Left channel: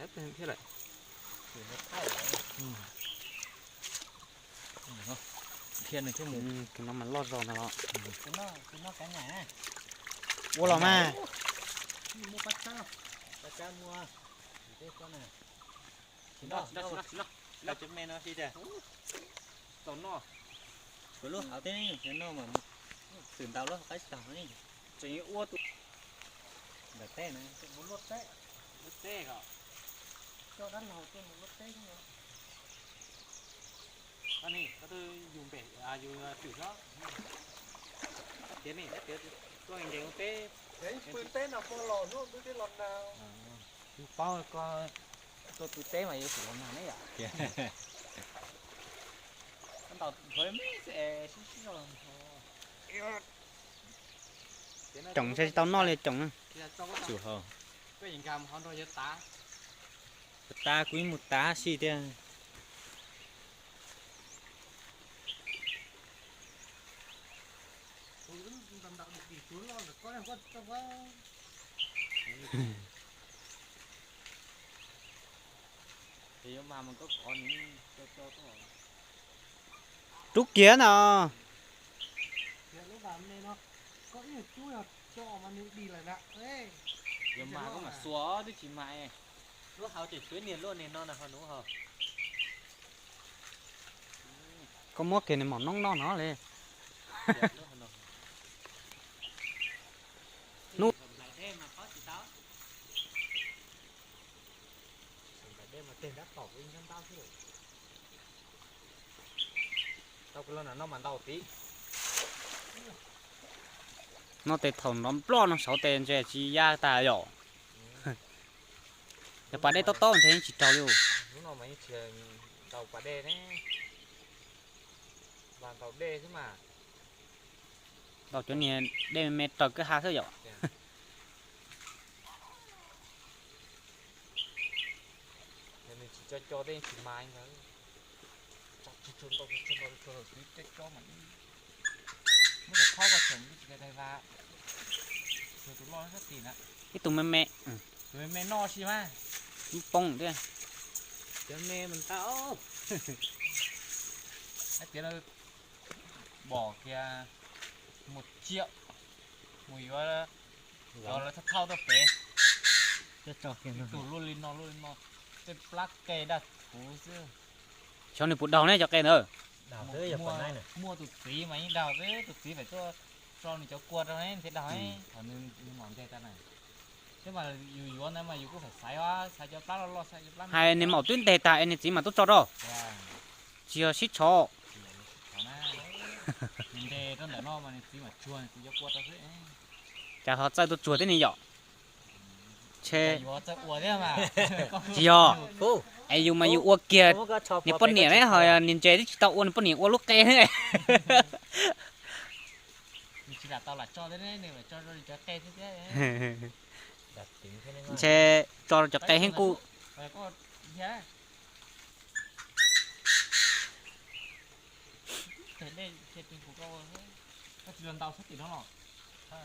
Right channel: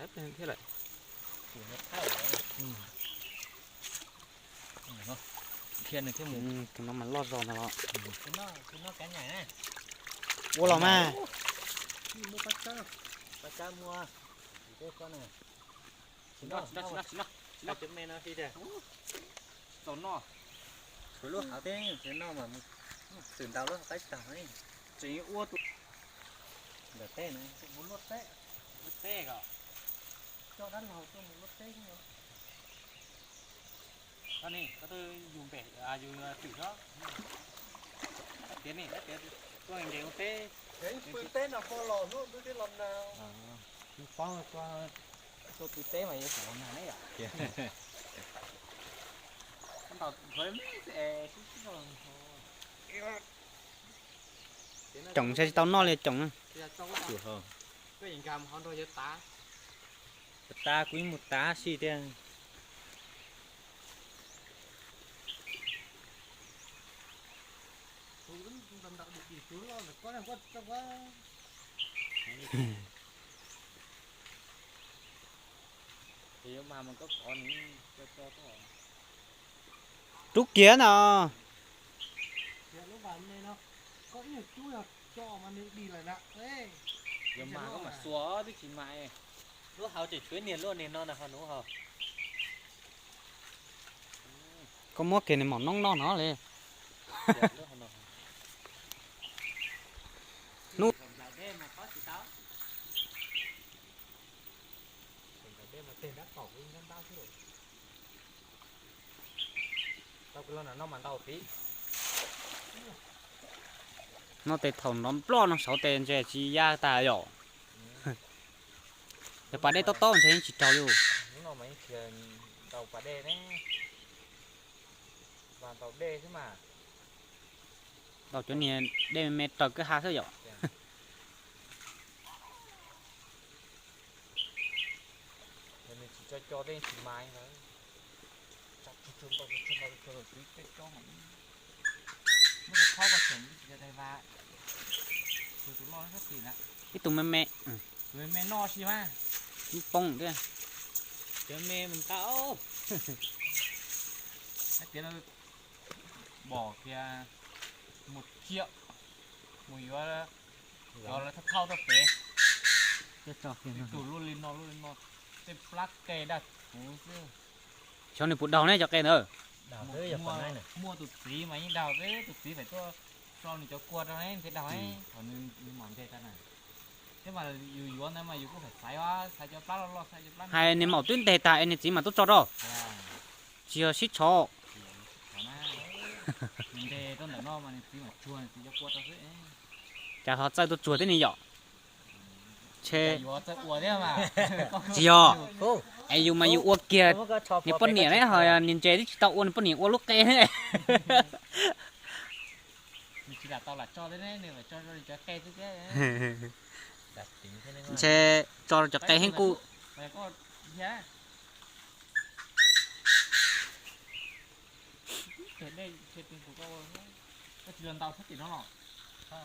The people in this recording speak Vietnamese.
Thế bên thế lại. Thì nó thao rồi. Thiên này cái mù. Cái nó mà lót giòn là nó. Nó cái này nè. Ô lò mà. Mua bắt cá mua. Cái con này. Đó. Là chấm men nó đi đây. Tốn nó. Rồi lúc hảo thế cái nó mà sườn tàu lúc cái tàu này. Chỉ ua tụ. Để té này, muốn lót té. Lót té cả. Cho đắt lầu cho một lót té chứ. Anh này, tôi dùng bể dùng thử đó. Tiến này, tiến. Tôi anh đều té. Đấy, phương té nào con lò nó tôi cái lần nào. Phong có Tôi bị té mà phải làm nào đấy à? con tàu với mấy sẽ trồng xe tao no lên trồng Chịu không? với những cam con rồi tá. Ta quý một tá xì tiền. Tôi vẫn tầm đạo được đi xuống lo là có đang có trong có. Thì mà mình có còn cho có. trúc kia nào Thì lúc vào đây nó có ít chui à cho mà nếu đi lại đã. Ê. Giờ mà nó là xóa đi chỉ mày. Nó hao chỉ suối niền luôn niền non là phần đúng không? có mua cái này mỏng nong non nó lên Nút. Tao cứ nó mà tao tí. nó tê thòng nó lo nó sáu tên chơi chỉ ya ta nhỏ để bà đây to chơi chỉ trâu luôn Những nó mấy chuyện tàu quả đê đấy. Và tàu đê chứ mà. đầu chỗ này đây mẹ trâu cứ hai thứ nhỏ Thì mình chỉ cho đây chỉ mai thôi. Chặt cho mà. Nó được khó vào chuẩn cái này và rồi chúng lo rất gì nè. cái tụi mẹ Rồi mẹ no xí mà. bông đấy Cái mẹ mình tao. Cái tiền là bỏ kia 1 triệu. Mùiว่าcho là thấp thao thấp kế. Cho kìa. Chủ luôn lên nó. Cái plug kê đặt cú chứ. cho này bụt đầu này cho cái nữa Đào tới giờ phần này này. Mua từ tí mà anh đào với từ tí phải cho mình cho cuột đâu đấy thế đào ấy còn mình mỏng thế này thế mà dù anh em mà dù có phải xài cho plug lo xài cho plug hai anh em màu tuyến đề tài anh chỉ mà tốt cho đó chưa xích cho mình đề tôi nói nó mà tí mà chuồn thì cho cuột ra thế chả họ chơi tôi chuột thế này nhỏ chê dù chơi cuột thế mà chiều ai dù mà dù uo kia những con nhện đấy hồi nhìn chơi thì tao uo con nhện uo lúc cây thế này chỉ là tao là cho thế đấy nếu mà cho cây thế Đặt tính thế này. chê cho cây hen cu phải có giá thế đây thì mình của tôi nó chỉ lần tao thích thì nó